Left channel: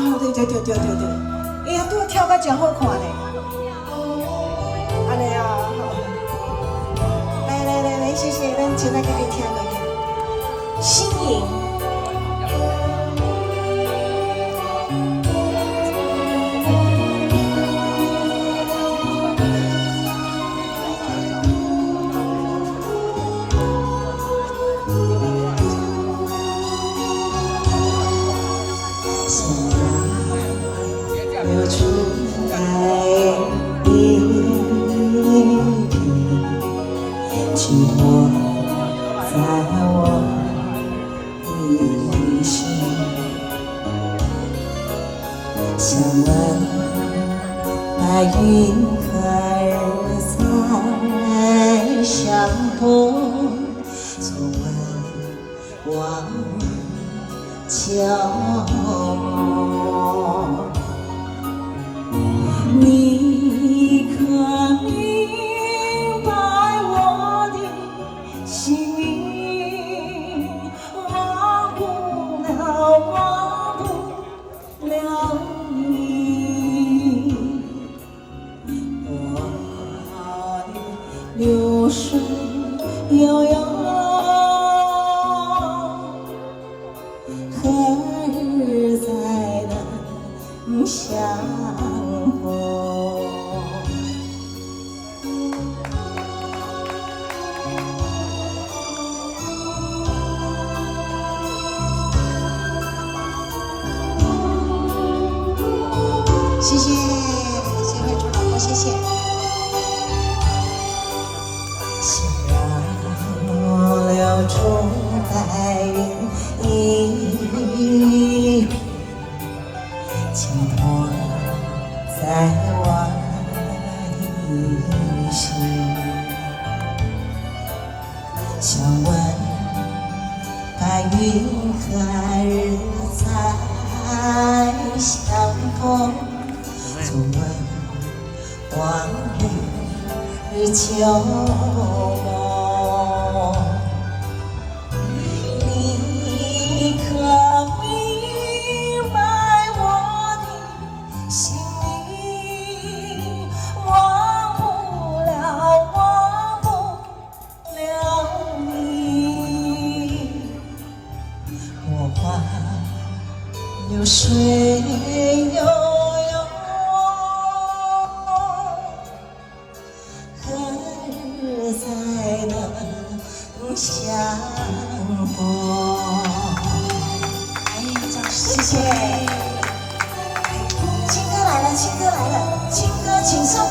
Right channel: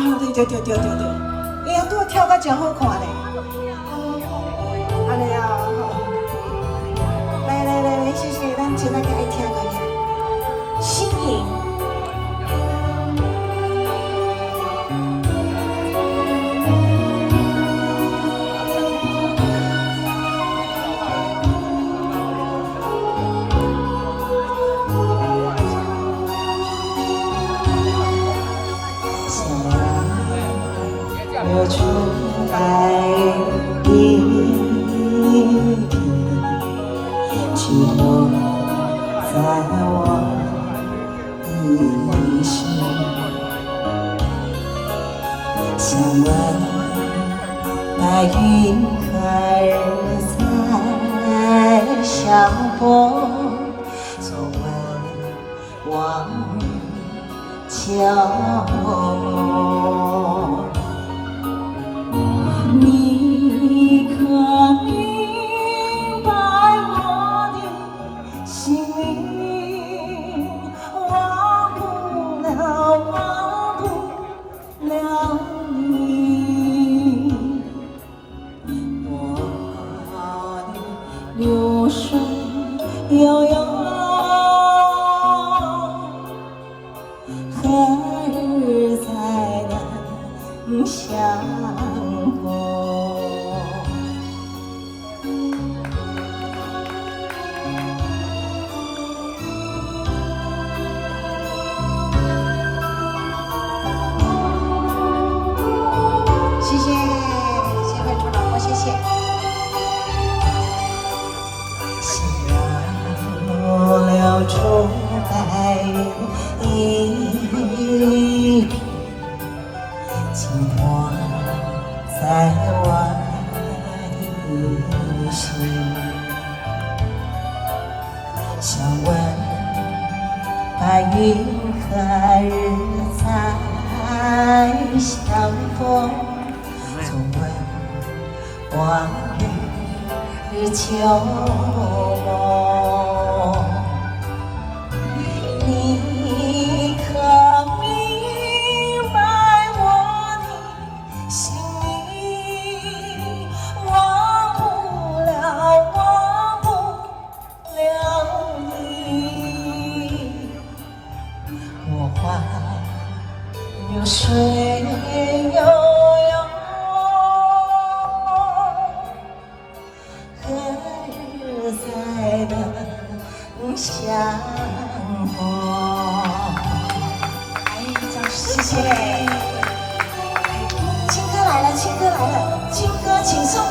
对对对对对对，哎呀，都跳个真好看嘞！安尼啊，来来来来，谢谢，咱现在给你听个《心影》。我出来一滴寂寞在我内心，想问白云何在相逢，总问往角落。你可明白我的心意？忘不了，忘不了你。我的流水悠悠，何日才能相逢？谢谢，谢谢主导，谢谢。小柳处白云依，寄托在我的心。想问白云何日才相逢？总问往日旧梦。你可明白我的心意？忘不了，忘不了你。我把流水悠悠，何日才能相逢？谢谢。情歌来了，情歌来了，情歌请送。